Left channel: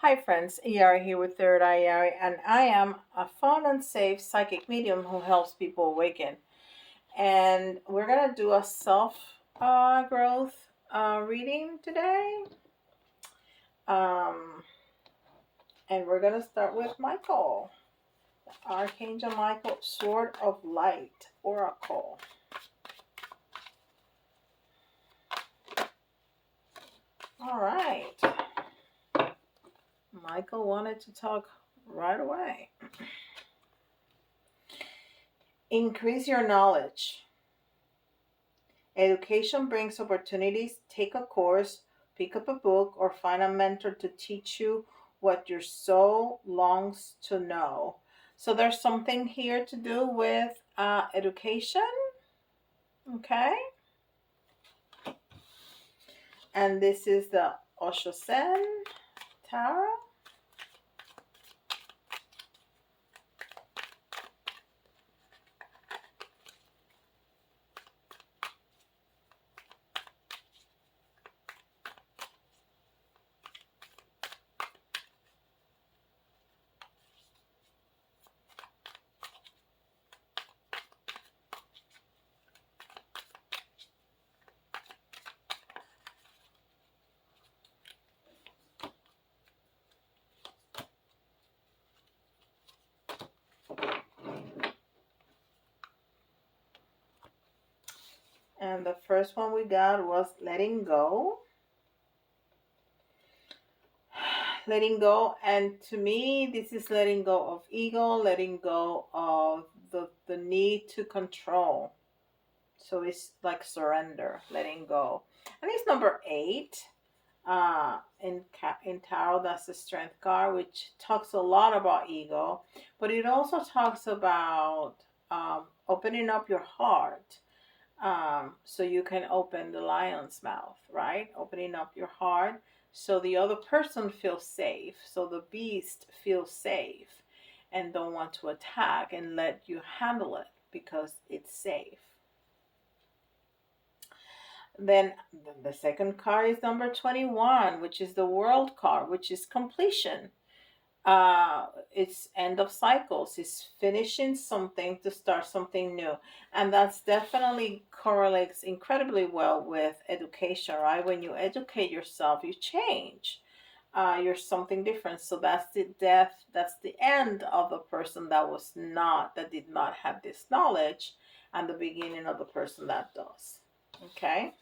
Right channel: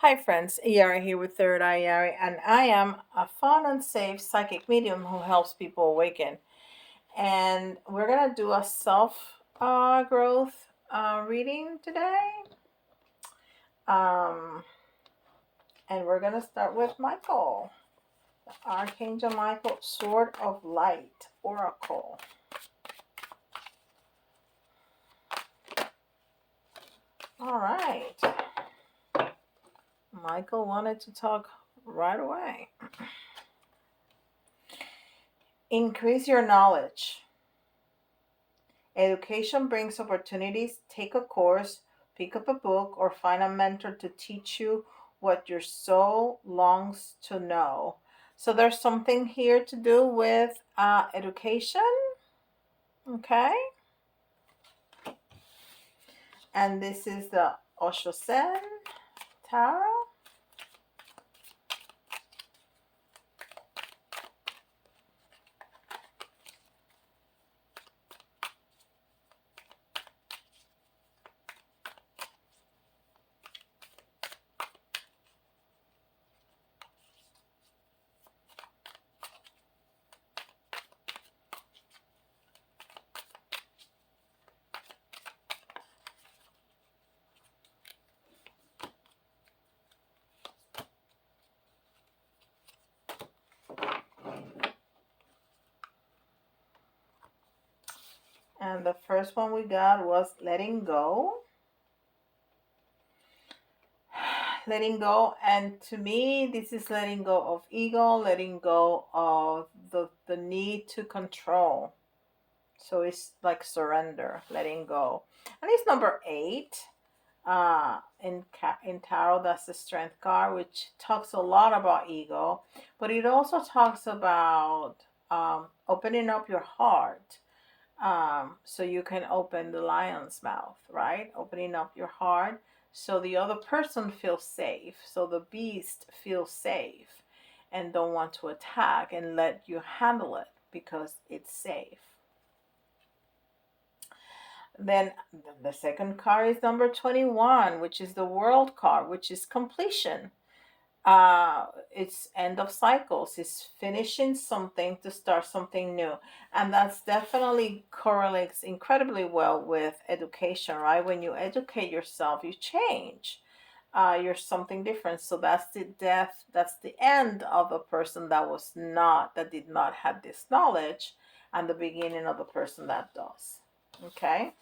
Hi friends, Yari here with Third Eye Yari, and I am a fun and safe psychic medium who helps people awaken. And we're gonna do a self growth reading today. Um, and we're gonna start with Michael, Archangel Michael, Sword of Light, Oracle. All right, Michael wanted to talk right away. Increase your knowledge. Education brings opportunities. Take a course, pick up a book, or find a mentor to teach you what your soul longs to know. So there's something here to do with education, okay? And this is the Osho Sen Tarot. And the first one we got was letting go. Letting go, and to me this is letting go of ego, letting go of the need to control. So it's like surrender, letting go. And it's number 8 in tarot. That's the strength card, which talks a lot about ego, but it also talks about opening up your heart, so you can open the lion's mouth, right? Opening up your heart so the other person feels safe, so the beast feels safe and don't want to attack, and let you handle it because it's safe. Then the second card is number 21, which is the world card, which is completion. It's end of cycles. It's finishing something to start something new. And that's definitely correlates incredibly well with education, right? When you educate yourself, you change. You're something different. So that's the death, that's the end of a person that did not have this knowledge, and the beginning of the person that does. Okay?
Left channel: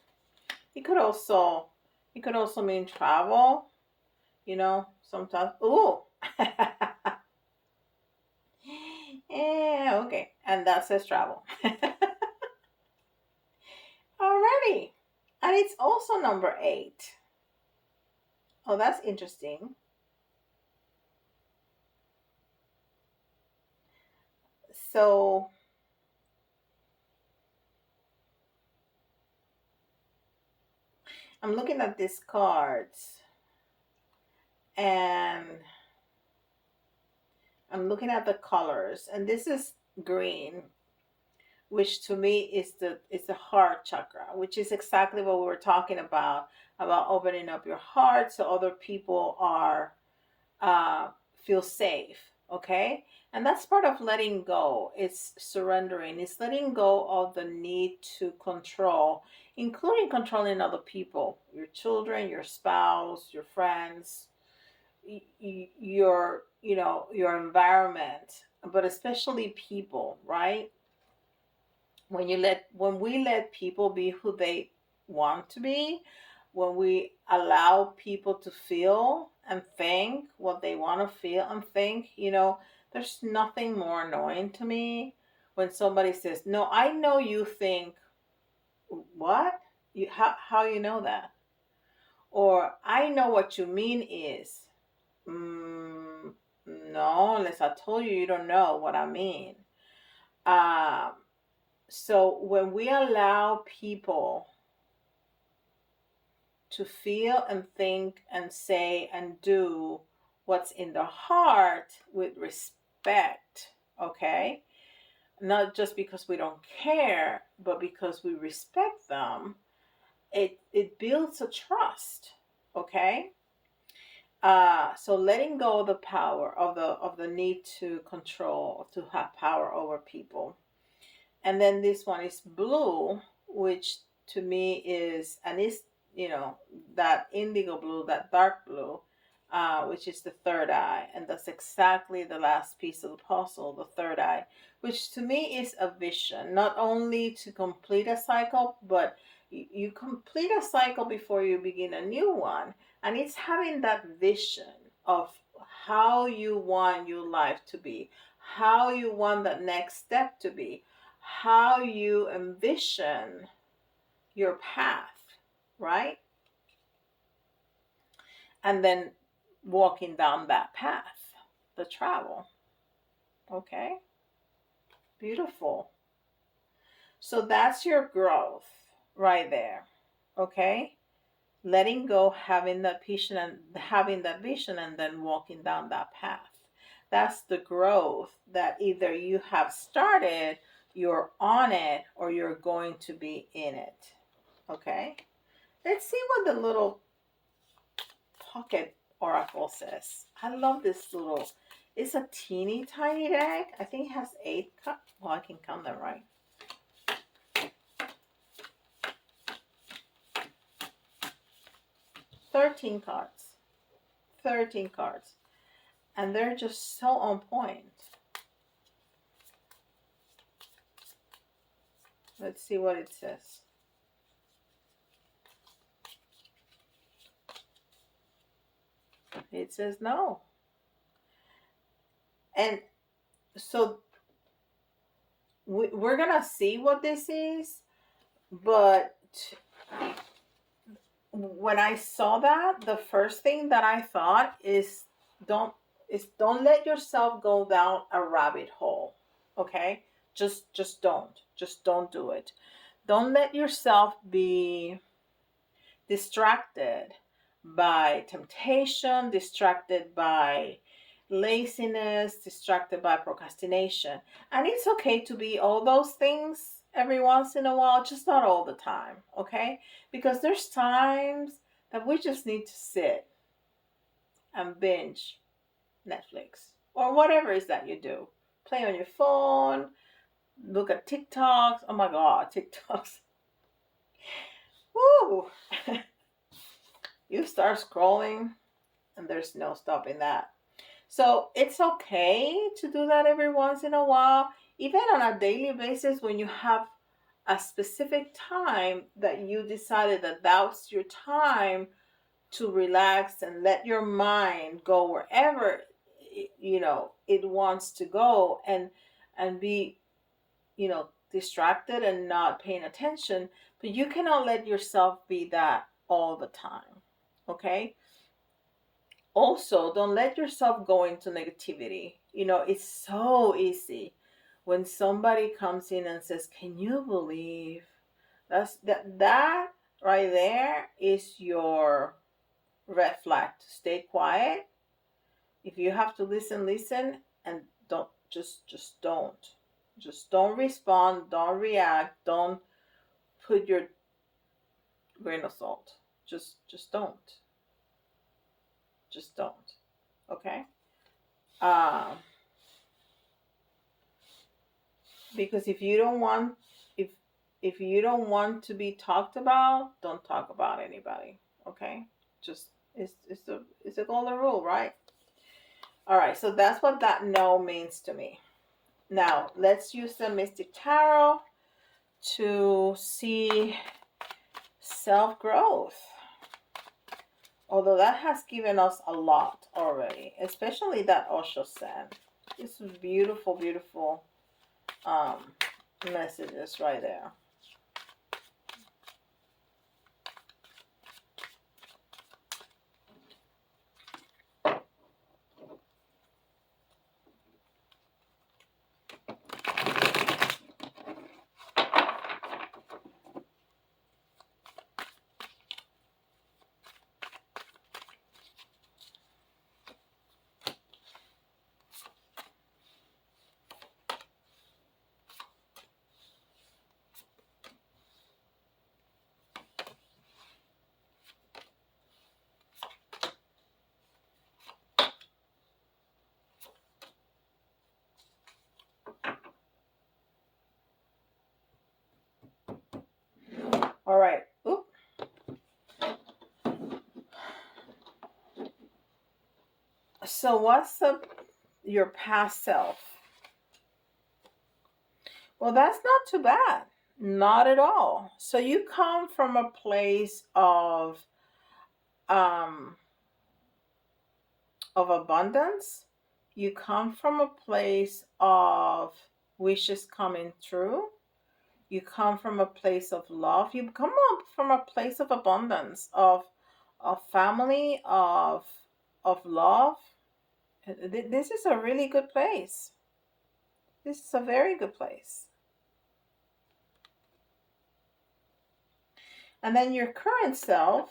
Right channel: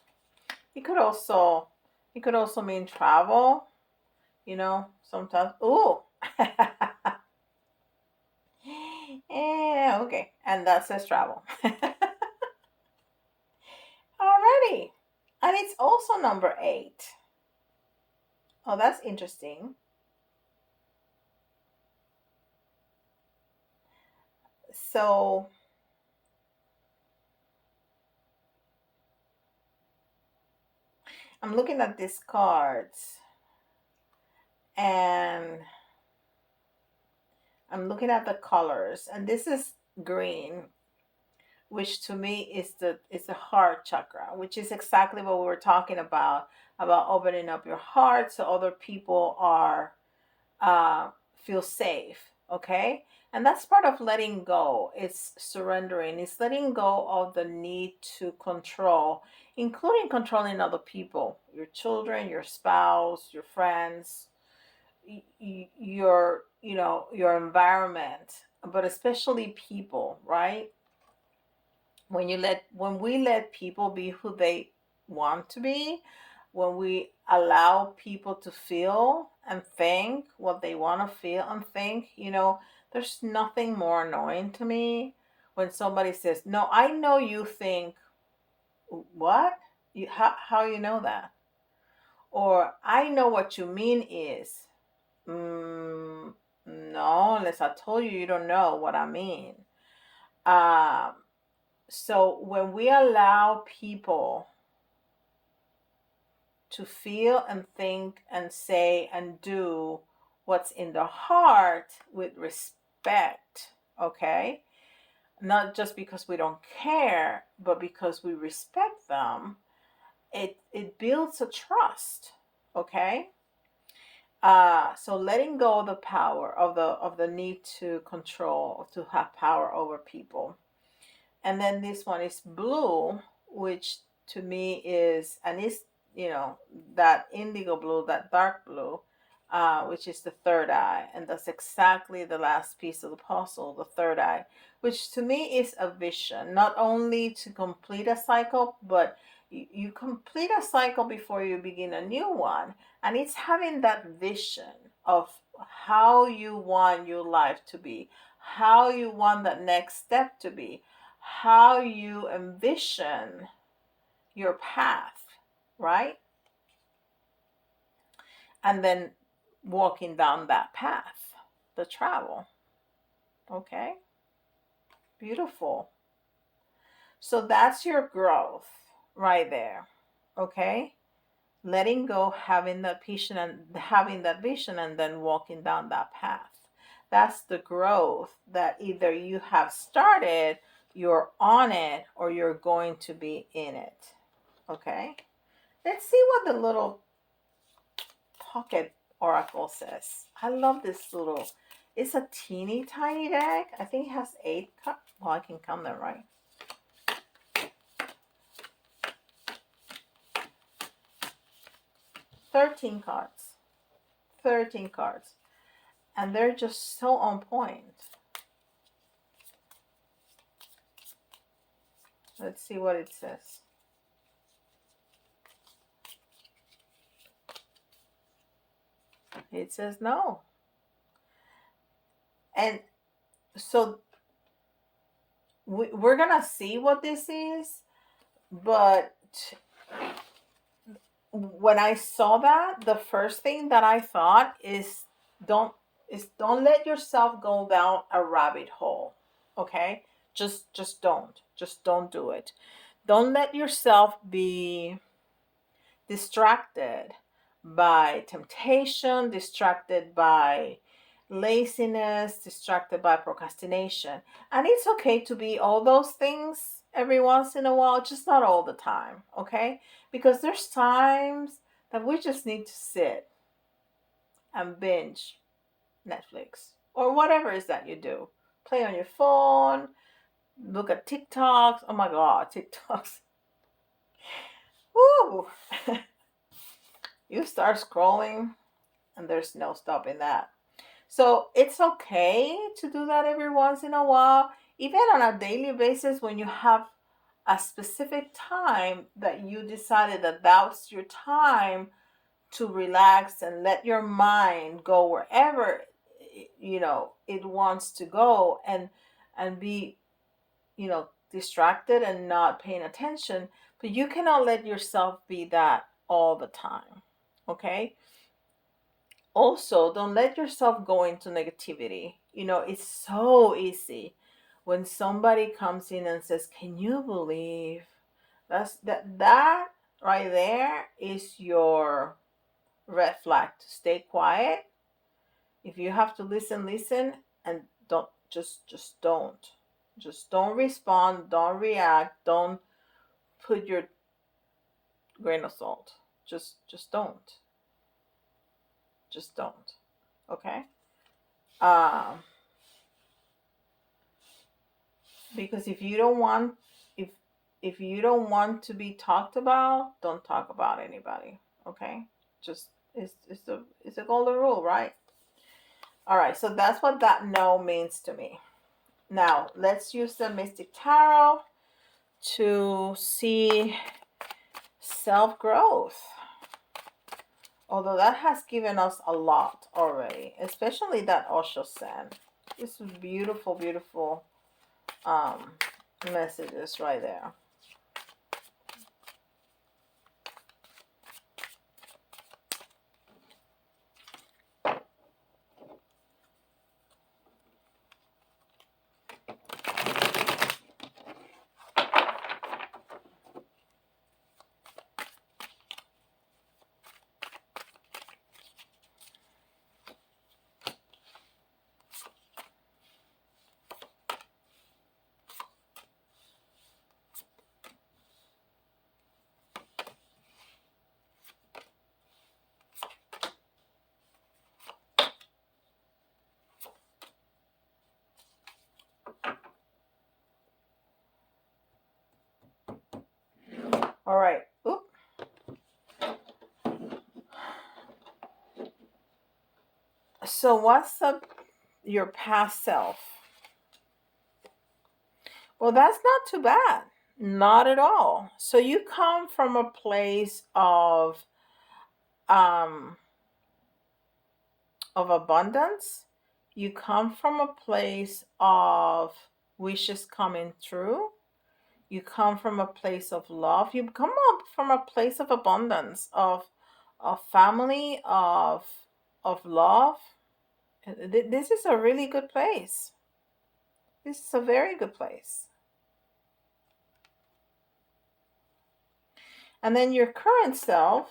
It could also it could also mean travel, sometimes. Oh. Yeah, okay. And that says travel. Alrighty. And it's also number 8. Oh, that's interesting. So I'm looking at these cards, and I'm looking at the colors, and this is green, which to me is the heart chakra, which is exactly what we were talking about opening up your heart so other people are uh, feel safe. Okay, and that's part of letting go. It's surrendering. It's letting go of the need to control, including controlling other people, your children, your spouse, your friends, your environment, but especially people, right? When we let people be who they want to be, when we allow people to feel and think what they want to feel and think, there's nothing more annoying to me when somebody says, no, I know you think. What? How you know that? Or I know what you mean is. No, unless I told you, you don't know what I mean. um so when we allow people to feel and think and say and do what's in their heart with respect, okay? Not just because we don't care, but because we respect them, it builds a trust, okay? So letting go of the power of the need to control, to have power over people. And then this one is blue, which to me is, and is, you know, that indigo blue, that dark blue, which is the third eye. And that's exactly the last piece of the puzzle, the third eye, which to me is a vision, not only to complete a cycle, but you complete a cycle before you begin a new one. And it's having that vision of how you want your life to be, how you want that next step to be, how you envision your path, right? And then walking down that path, the travel. Okay, beautiful. So that's your growth right there. Okay, letting go, having that vision, and then walking down that path. That's the growth that either you have started, you're on it, or you're going to be in it. Okay, let's see what the little pocket oracle says. I love this little, it's a teeny tiny deck. I think it has 8 cards. Well, I can count them right. 13 cards. 13 cards. And they're just so on point. Let's see what it says. It says no. And so we're going to see what this is. But when I saw that, the first thing that I thought is don't let yourself go down a rabbit hole. Okay? Just don't do it. Don't let yourself be distracted by temptation, distracted by laziness, distracted by procrastination. And it's okay to be all those things every once in a while, just not all the time, okay? Because there's times that we just need to sit and binge Netflix or whatever it is that you do. Play on your phone, look at TikToks. Oh my God, TikToks. Woo! You start scrolling and there's no stopping that. So it's okay to do that every once in a while, even on a daily basis when you have a specific time that you decided that was your time to relax and let your mind go wherever it wants to go, and be distracted and not paying attention. But you cannot let yourself be that all the time. Okay, also don't let yourself go into negativity. It's so easy when somebody comes in and says, can you believe that right there is your red flag to stay quiet. If you have to listen, and don't just don't respond, don't react, don't put your grain of salt. Just don't. Okay? Um because if if you don't want to be talked about, don't talk about anybody. Okay? Just it's a golden rule, right? All right, so that's what that no means to me. Now, let's use the Mystic Tarot to see self-growth. Although that has given us a lot already, especially that Osho sand. This is beautiful, beautiful messages right there. So what's your past self? Well, that's not too bad. Not at all. So you come from a place um of abundance. You come from a place of wishes coming true. You come from a place of love. You come up from a place of abundance, of family, of love. This is a really good place. This is a very good place. And then your current self.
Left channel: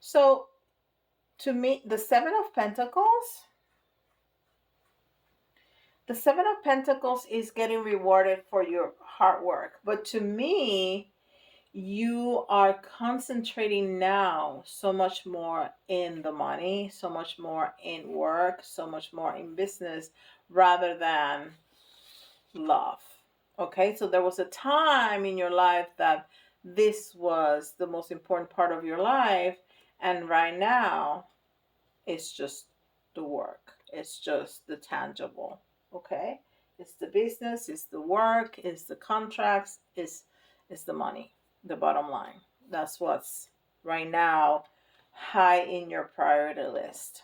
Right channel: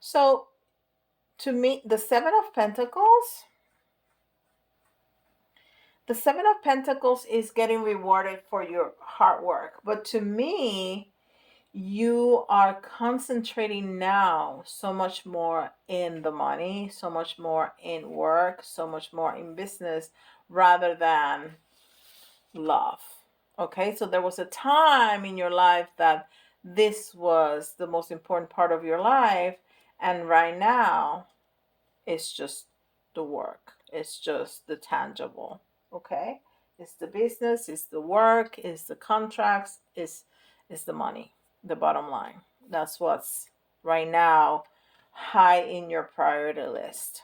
So to me, the Seven of Pentacles is getting rewarded for your hard work. But to me, you are concentrating now so much more in the money, so much more in work, so much more in business rather than love. Okay, so there was a time in your life that this was the most important part of your life, and right now it's just the work, it's just the tangible. Okay, it's the business, it's the work, it's the contracts, it's the money, the bottom line. That's what's right now high in your priority list.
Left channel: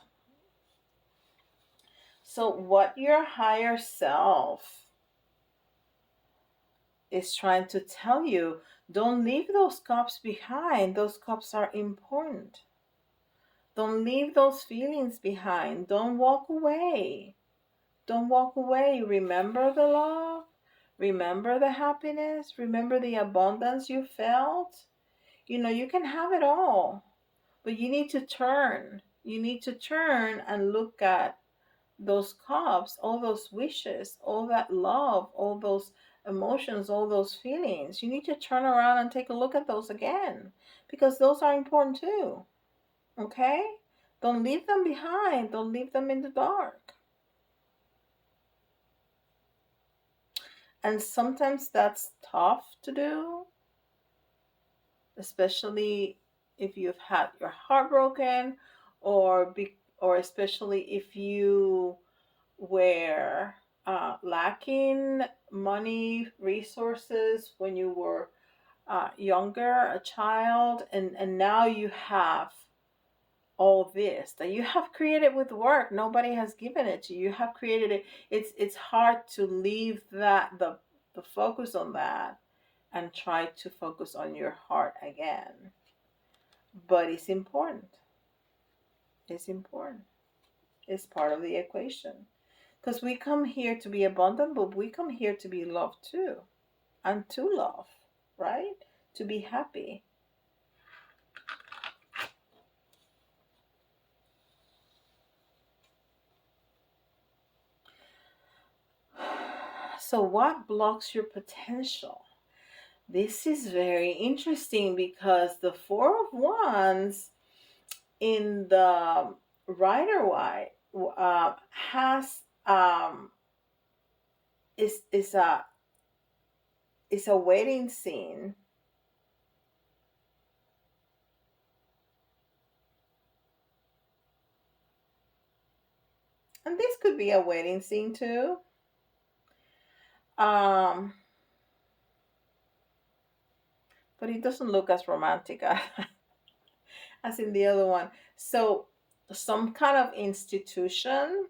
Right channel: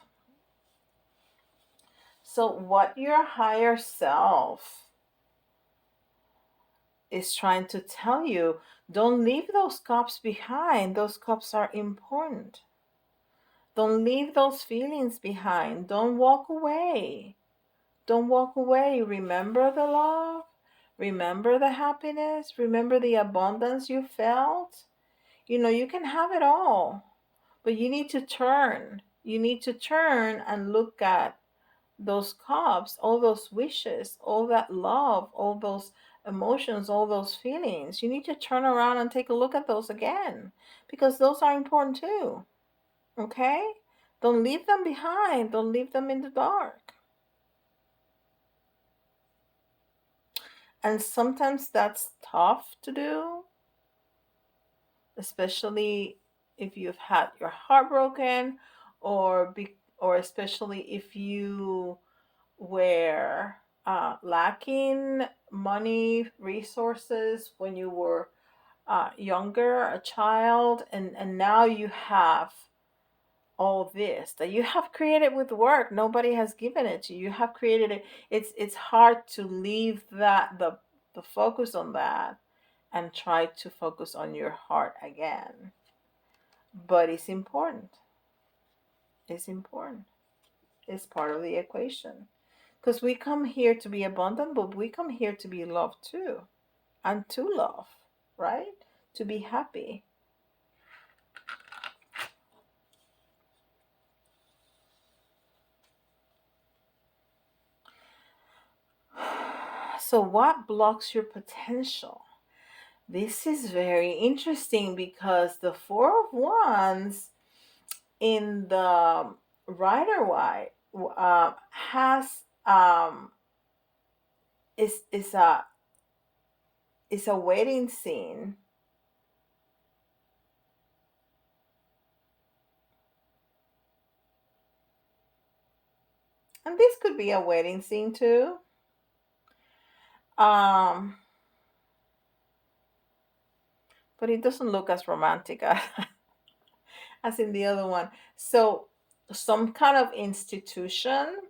So what your higher self is trying to tell you, don't leave those cups behind. Those cups are important. Don't leave those feelings behind. Don't walk away. Don't walk away. Remember the love. Remember the happiness. Remember the abundance you felt. You know, you can have it all, but you need to turn. You need to turn and look at those cups, all those wishes, all that love, all those emotions, all those feelings. You need to turn around and take a look at those again because those are important too. Okay? Don't leave them behind, don't leave them in the dark. And sometimes that's tough to do, especially if you've had your heart broken or especially if you were lacking money resources when you were younger, a child, and now you have all this that you have created with work. Nobody has given it to you. You have created it. It's hard to leave the focus on that and try to focus on your heart again. But it's important. It's important. It's part of the equation. Because we come here to be abundant, but we come here to be loved too. And to love, right? To be happy. So, what blocks your potential? This is very interesting because the Four of Wands in the Rider White has is a wedding scene. And this could be a wedding scene too. Um, but it doesn't look as romantic as in the other one. So some kind of institution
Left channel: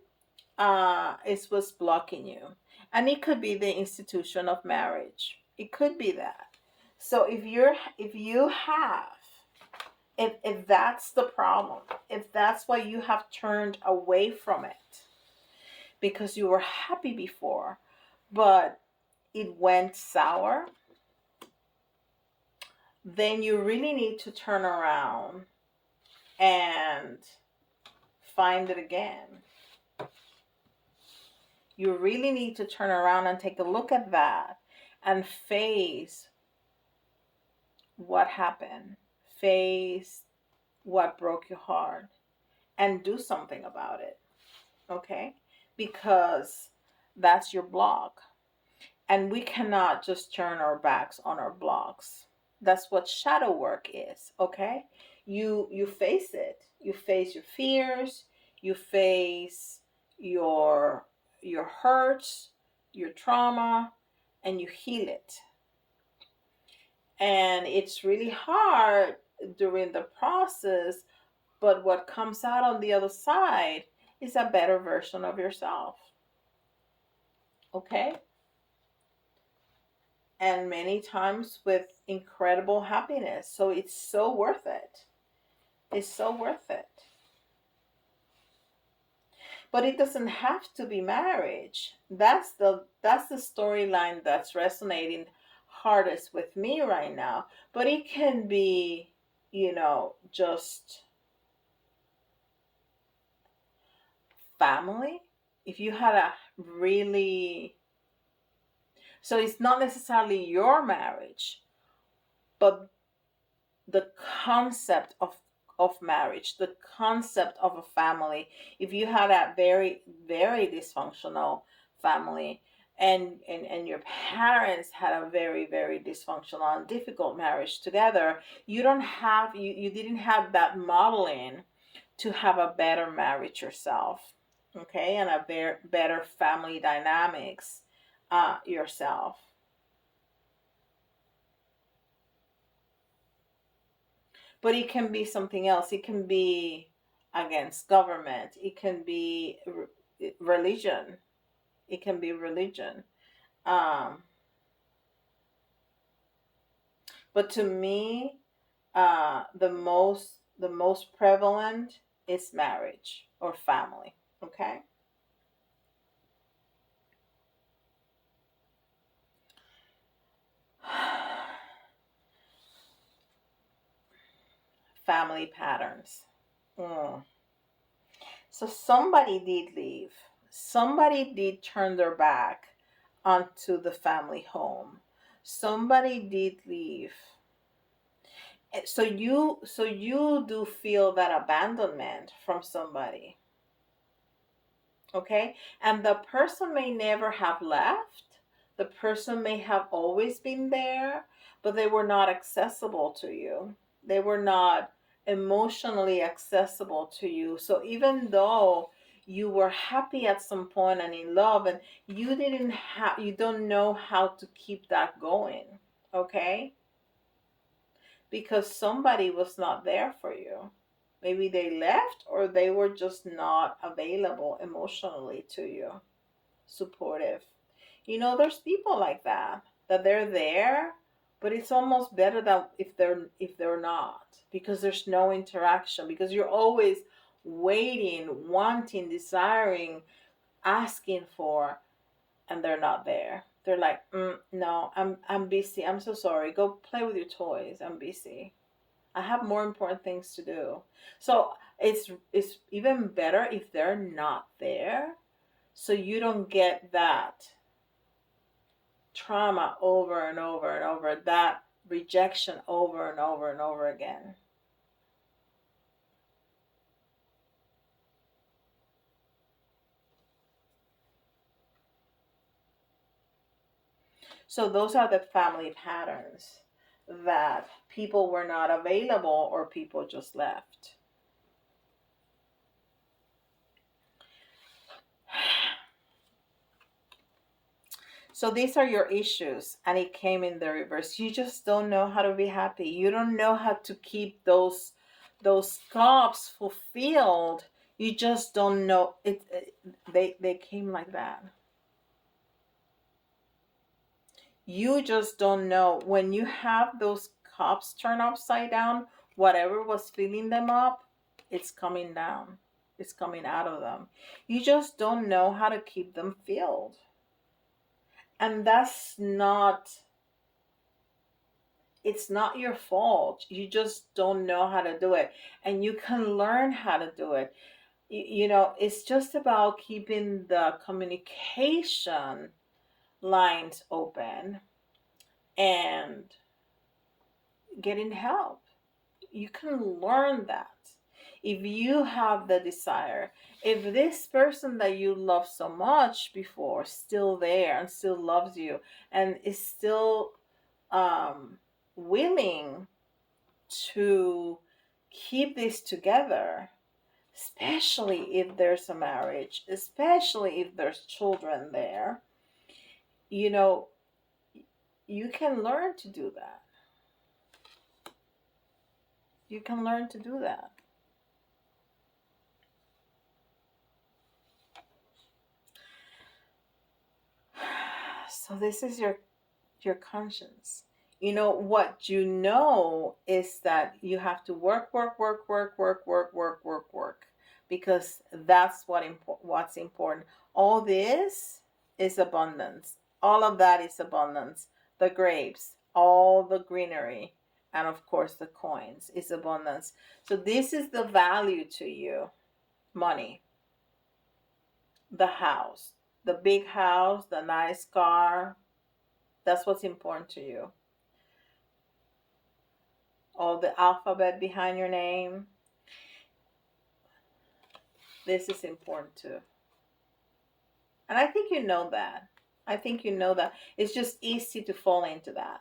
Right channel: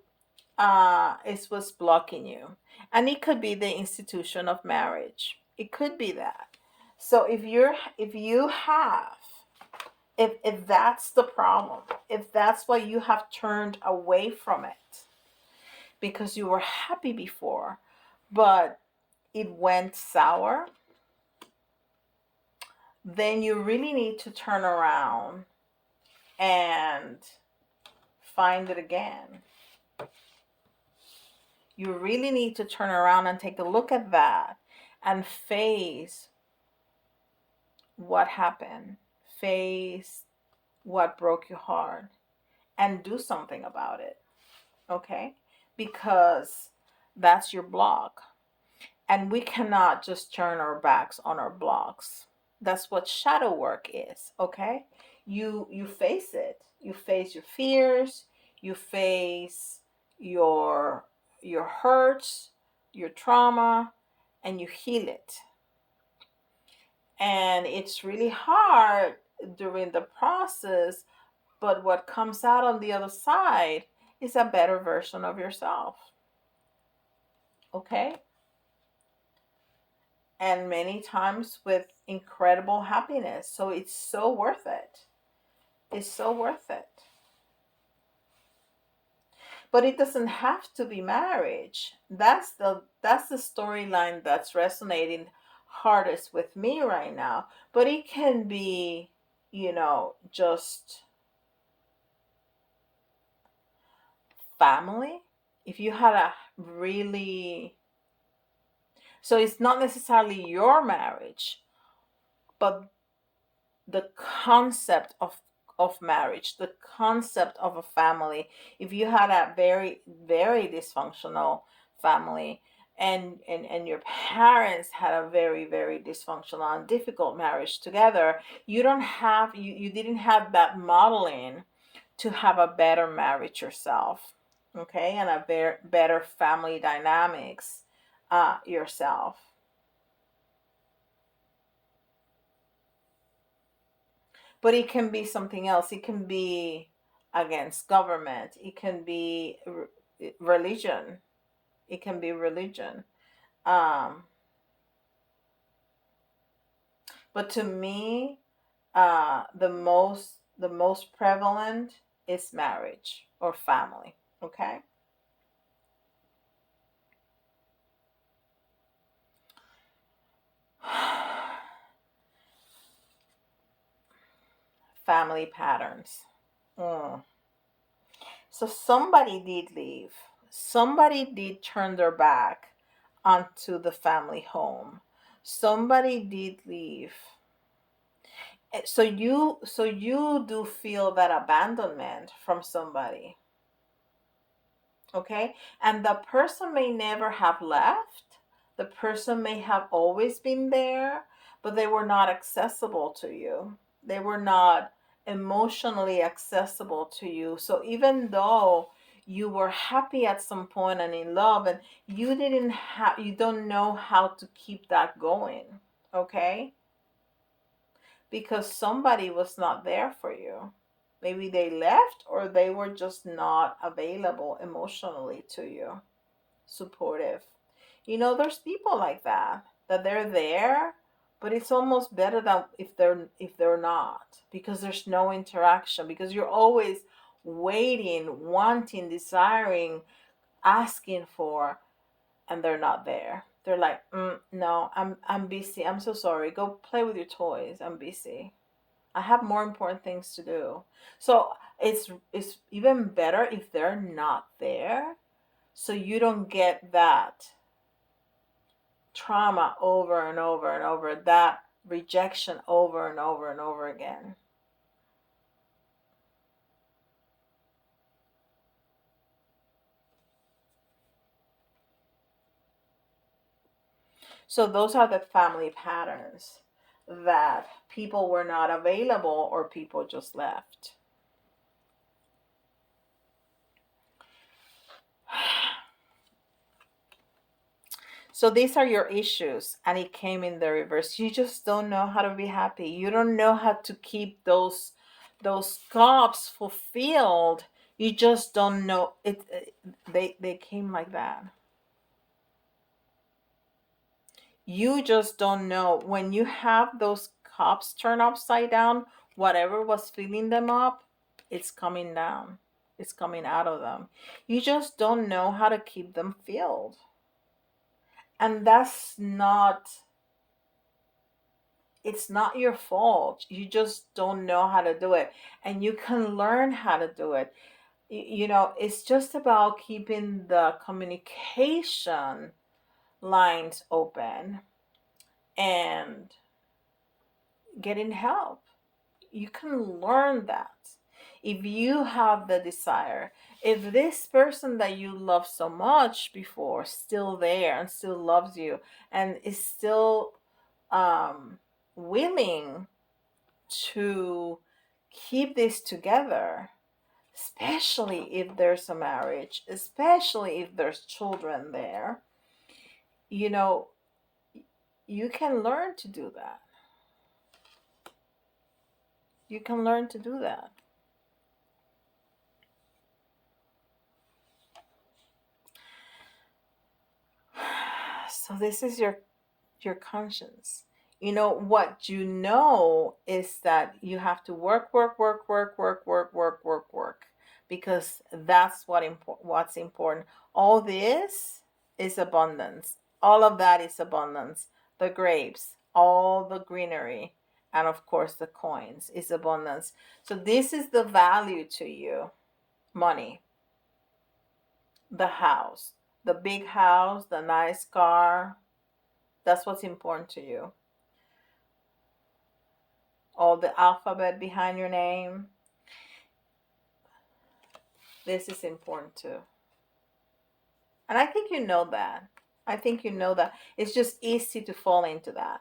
is what's blocking you. And it could be the institution of marriage. It could be that. So if you have if that's the problem, if that's why you have turned away from it because you were happy before, but it went sour, then you really need to turn around and find it again. You really need to turn around and take a look at that and face what happened, face what broke your heart, and do something about it. Okay? Because that's your block. And we cannot just turn our backs on our blocks. That's what shadow work is. Okay? You face it. You face your fears, you face your your hurts, your trauma, and you heal it. And it's really hard during the process, but what comes out on the other side is a better version of yourself. Okay? And many times with incredible happiness. So it's so worth it. It's so worth it. But it doesn't have to be marriage. That's the storyline that's resonating hardest with me right now. But it can be, just family. If you had a really, so it's not necessarily your marriage, but the concept of marriage, the concept of a family. If you had a very very dysfunctional family, and your parents had a very very dysfunctional and difficult marriage together, you didn't have that modeling to have a better marriage yourself, okay, and a better family dynamics yourself. But it can be something else. It can be against government. It can be religion. It can be religion. Um, but to me, the most prevalent is marriage or family. Okay, family patterns. Mm. So somebody did leave. Somebody did turn their back onto the family home. Somebody did leave. So you do feel that abandonment from somebody, okay? And the person may never have left. The person may have always been there, but they were not accessible to you. They were not emotionally accessible to you. So even though you were happy at some point and in love, and you don't know how to keep that going, okay? Because somebody was not there for you. Maybe they left, or they were just not available emotionally to you, supportive. There's people like that, that they're there, but it's almost better that if they're not, because there's no interaction, because you're always waiting, wanting, desiring, asking for, and they're not there. They're like, no, I'm busy. I'm so sorry. Go play with your toys. I'm busy. I have more important things to do. So it's even better if they're not there, so you don't get that trauma over and over and over, that rejection over and over and over again. So those are the family patterns, that people were not available or people just left. So these are your issues, and it came in the reverse. You just don't know how to be happy. You don't know how to keep those cups fulfilled. You just don't know it. They came like that. You just don't know when you have those cups turned upside down. Whatever was filling them up, it's coming down. It's coming out of them. You just don't know how to keep them filled, and that's not it's not your fault. You just don't know how to do it. And you can learn how to do it. It's just about keeping the communication lines open and getting help. You can learn that. If you have the desire, if this person that you loved so much before still there and still loves you and is still um willing to keep this together, especially if there's a marriage, especially if there's children there, you know, you can learn to do that. You can learn to do that. So this is your conscience. You know what you know is that you have to work because that's what's important. All this is abundance. All of that is abundance. The grapes, all the greenery, and of course the coins is abundance. So this is the value to you. Money, the house, the big house, the nice car, that's what's important to you. All the alphabet behind your name. This is important too. And I think you know that. I think you know that. It's just easy to fall into that.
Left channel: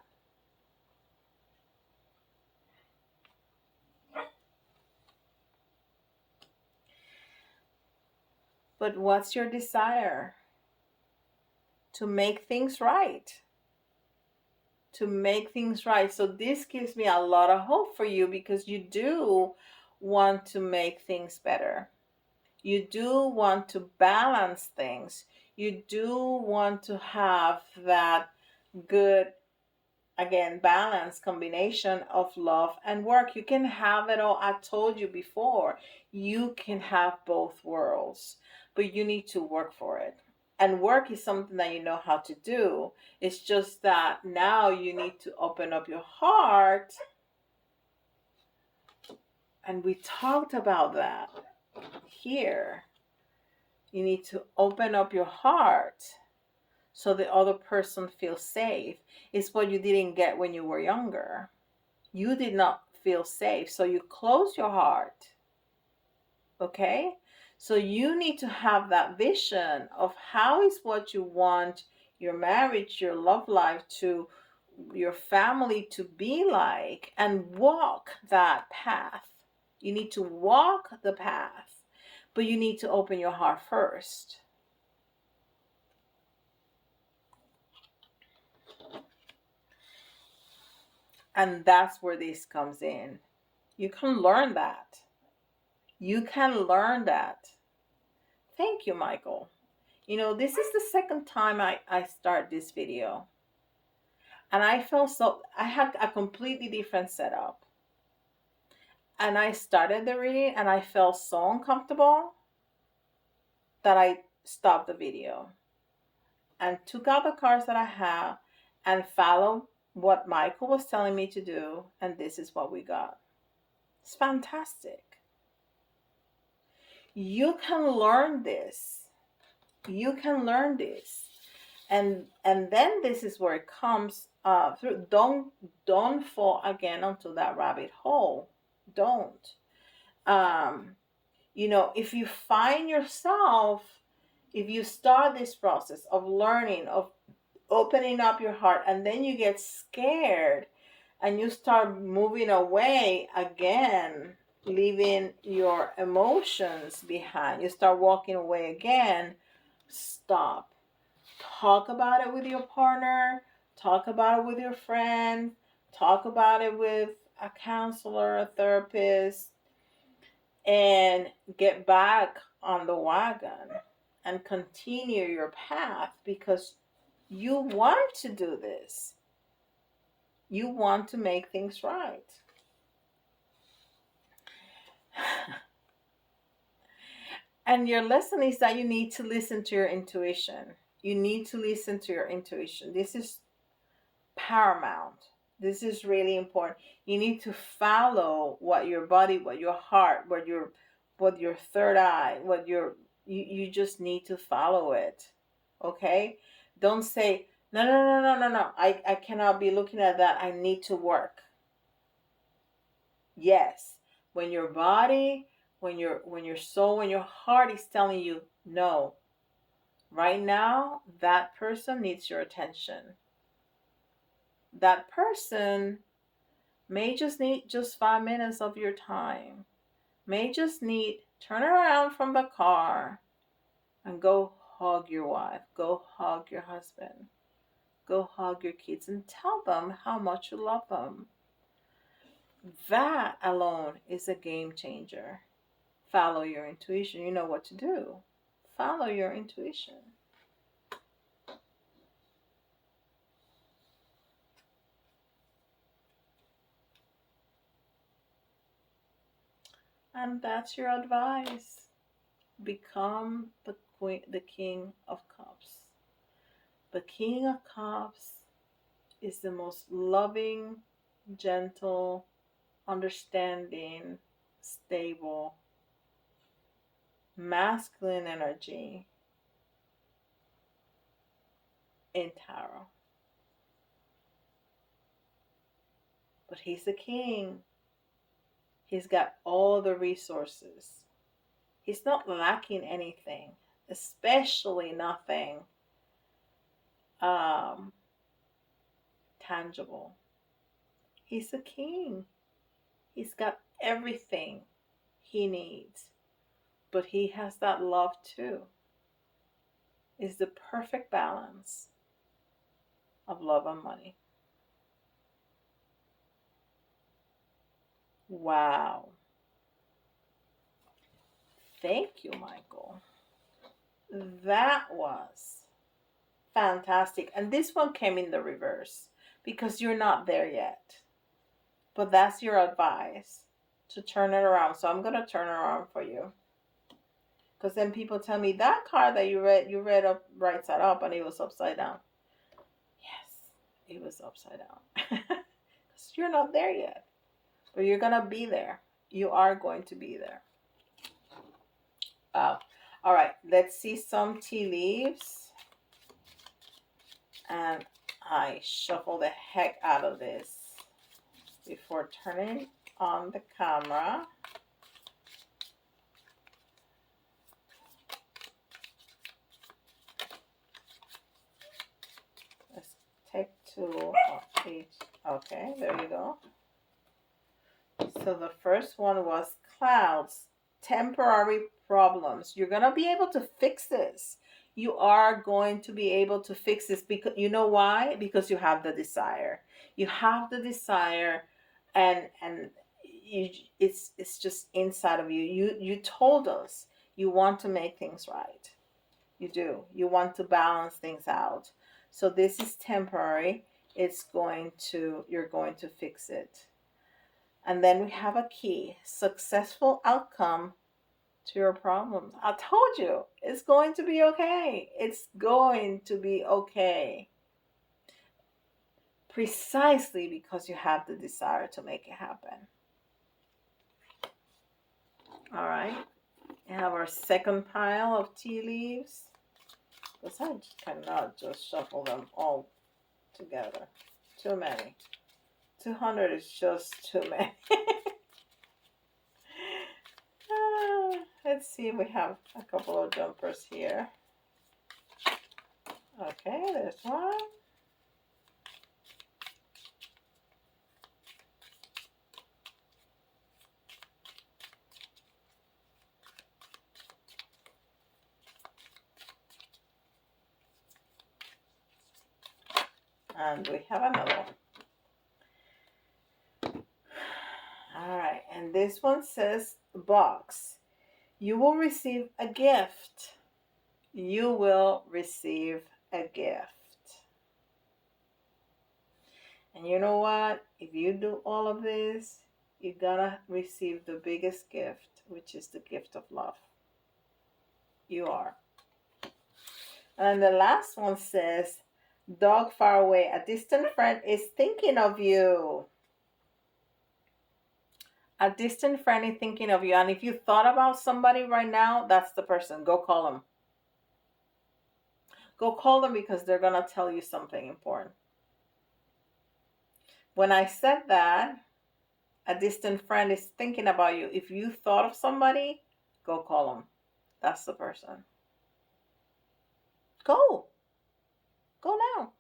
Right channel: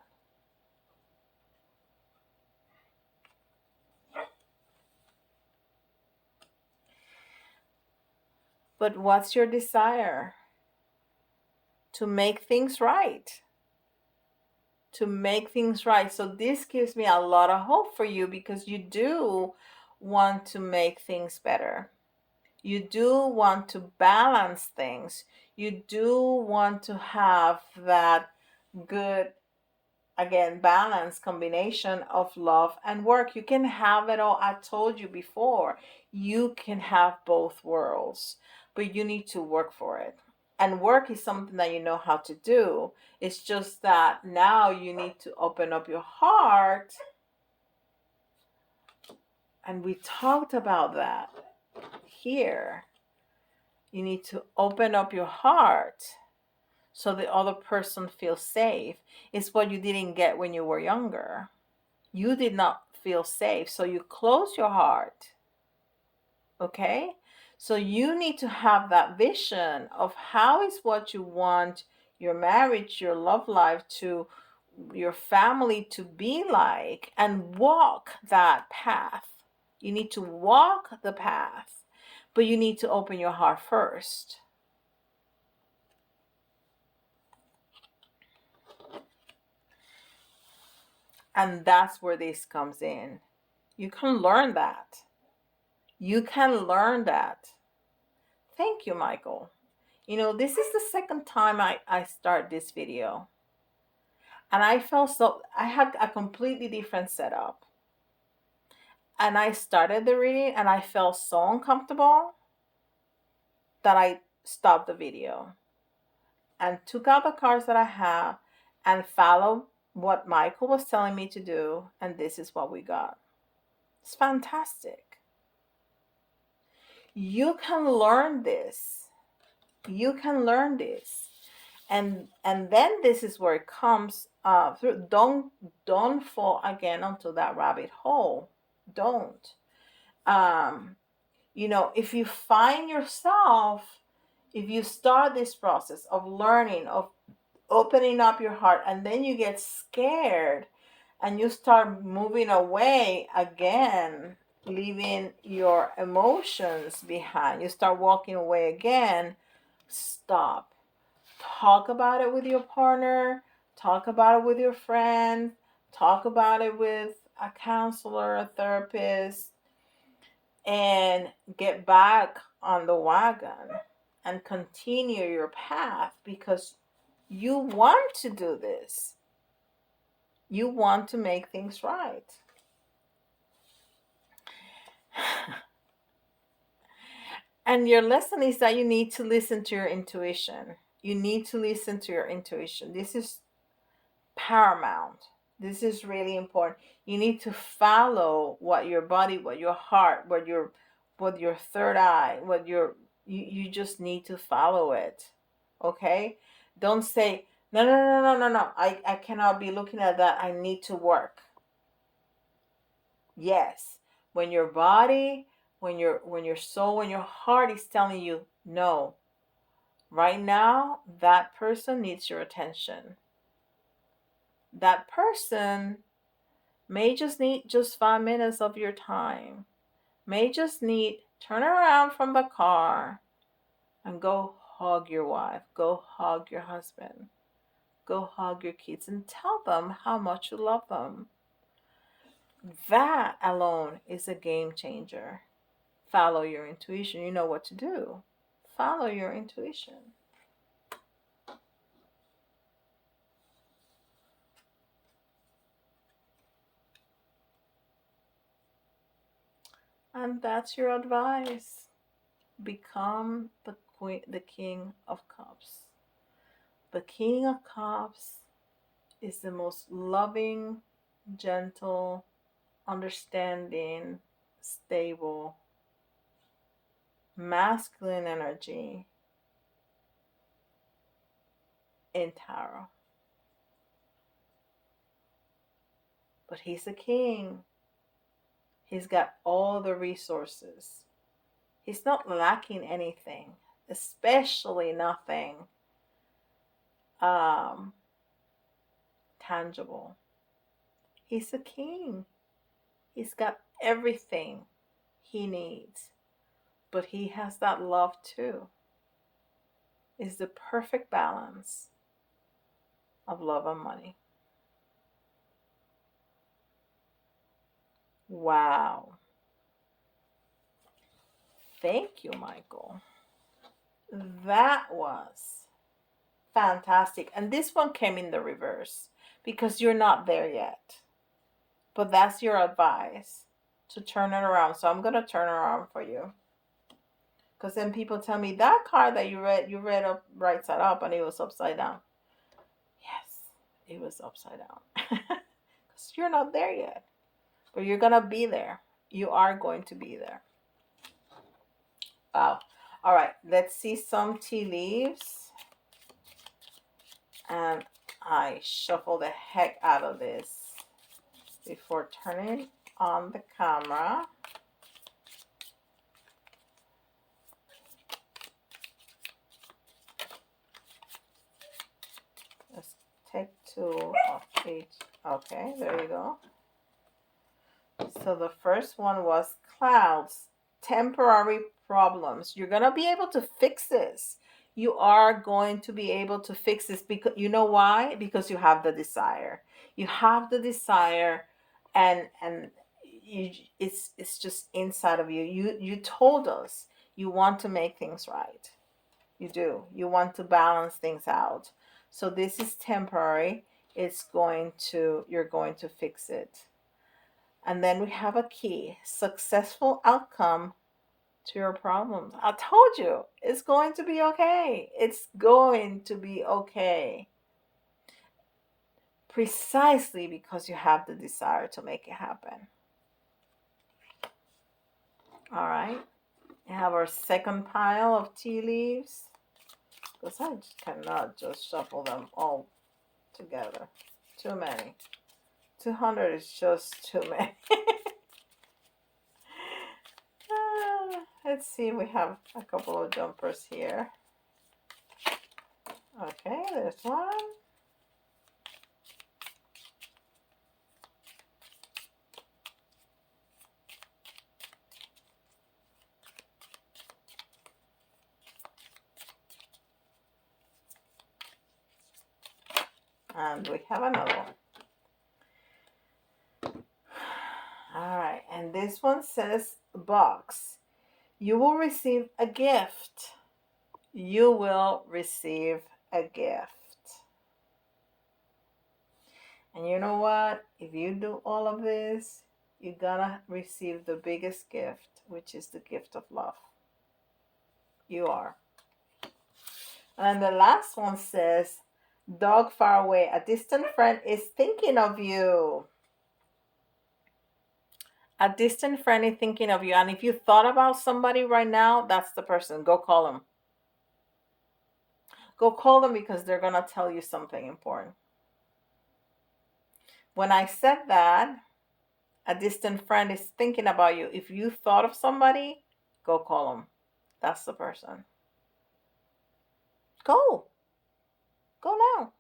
But what's your desire? To make things right. To make things right. So this gives me a lot of hope for you because you do want to make things better. You do want to balance things. You do want to have that good, again, balance combination of love and work. You can have it all. I told you before, you can have both worlds, but you need to work for it. And work is something that you know how to do. It's just that now you need to open up your heart. And we talked about that here. You need to open up your heart so the other person feels safe. It's what you didn't get when you were younger. You did not feel safe, so you close your heart. Okay? So you need to have that vision of how is what you want your marriage, your love life to your family to be like and walk that path. You need to walk the path, but you need to open your heart first. And that's where this comes in. You can learn that. You can learn that. Thank you, Michael. You know, this is the second time I start this video. And I felt so, I had a completely different setup. And I started the reading and I felt so uncomfortable that I stopped the video and took out the cards that I have and followed what Michael was telling me to do. And this is what we got. It's fantastic. You can learn this. You can learn this. And then this is where it comes through. Don't fall again onto that rabbit hole. Don't. Um, you know, if you find yourself, if you start this process of learning, of opening up your heart, and then you get scared and you start moving away again, leaving your emotions behind, you start walking away again, stop. Talk about it with your partner, talk about it with your friend, talk about it with a counselor, a therapist, and get back on the wagon and continue your path because you want to do this. You want to make things right. And your lesson is that you need to listen to your intuition. You need to listen to your intuition. This is paramount. This is really important. You need to follow what your body, what your heart, what your third eye, you just need to follow it. Okay? Don't say, no. I cannot be looking at that. I need to work. Yes. When your body, when your soul, when your heart is telling you no, right now that person needs your attention. That person May just need just 5 minutes of your time. May just need turn around from the car and go hug your wife, go hug your husband, go hug your kids and tell them how much you love them. That alone is a game changer. Follow your intuition. You know what to do. Follow your intuition. And that's your advice. Become the queen, the king of cups. The king of cups is the most loving, gentle, understanding, stable, masculine energy in tarot. But he's the king. He's got all the resources. He's not lacking anything, especially nothing um, tangible. He's a king. He's got everything he needs, but he has that love too. Is the perfect balance of love and money. Wow. Thank you, Michael. That was fantastic. And this one came in the reverse because you're not there yet. But that's your advice to turn it around. So I'm going to turn it around for you. Because then people tell me that card that you read up right side up and it was upside down. Yes, it was upside down. Because you're not there yet. But you're going to be there. You are going to be there. Wow. All right, let's see some tea leaves. And I shuffle the heck out of this before turning on the camera. Let's take two of each. Okay, there you go. So the first one was clouds, temporary problems. You're going to be able to fix this. You are going to be able to fix this because you know why? Because you have the desire. You have the desire and you it's just inside of you. You told us you want to make things right. You do. You want to balance things out. So this is temporary. You're going to fix it. And then we have a key, successful outcome to your problems. I told you, it's going to be okay. It's going to be okay. Precisely because you have the desire to make it happen. All right. We have our second pile of tea leaves. Because I cannot just shuffle them all together. Too many. 200 is just too many. Let's see, we have a couple of jumpers here. Okay, there's one. And we have another one. All right, and this one says box. You will receive a gift. You will receive a gift. And you know what? If you do all of this, you're gonna receive the biggest gift, which is the gift of love. You are. And the last one says, dog far away. A distant friend is thinking of you. A distant friend is thinking of you. And if you thought about somebody right now, that's the person. Go call them. Go call them because they're going to tell you something important. When I said that, a distant friend is thinking about you. If you thought of somebody, go call them. That's the person. Go. Go now.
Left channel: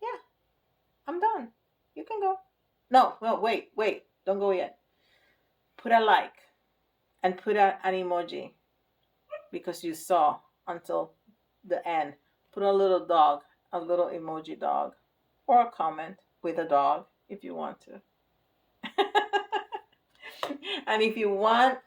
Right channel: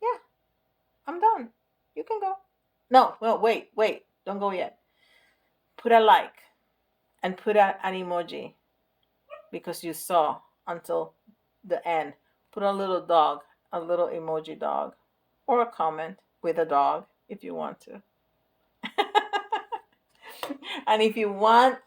Yeah, I'm done. You can go. No, no, wait. Don't go yet. Put a like and put an emoji because you saw until the end. Put a little dog, a little emoji dog, or a comment with a dog if you want to. And if you want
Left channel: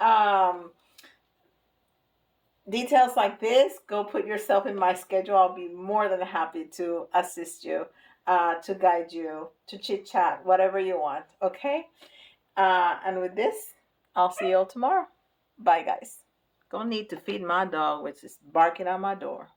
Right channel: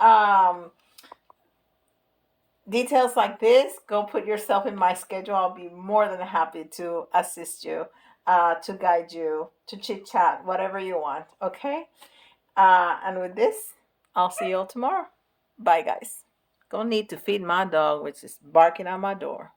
details like this, go put yourself in my schedule. I'll be more than happy to assist you, to guide you, to chit chat, whatever you want. Okay? And with this, I'll see you all tomorrow. Bye, guys. Gonna need to feed my dog, which is barking at my door.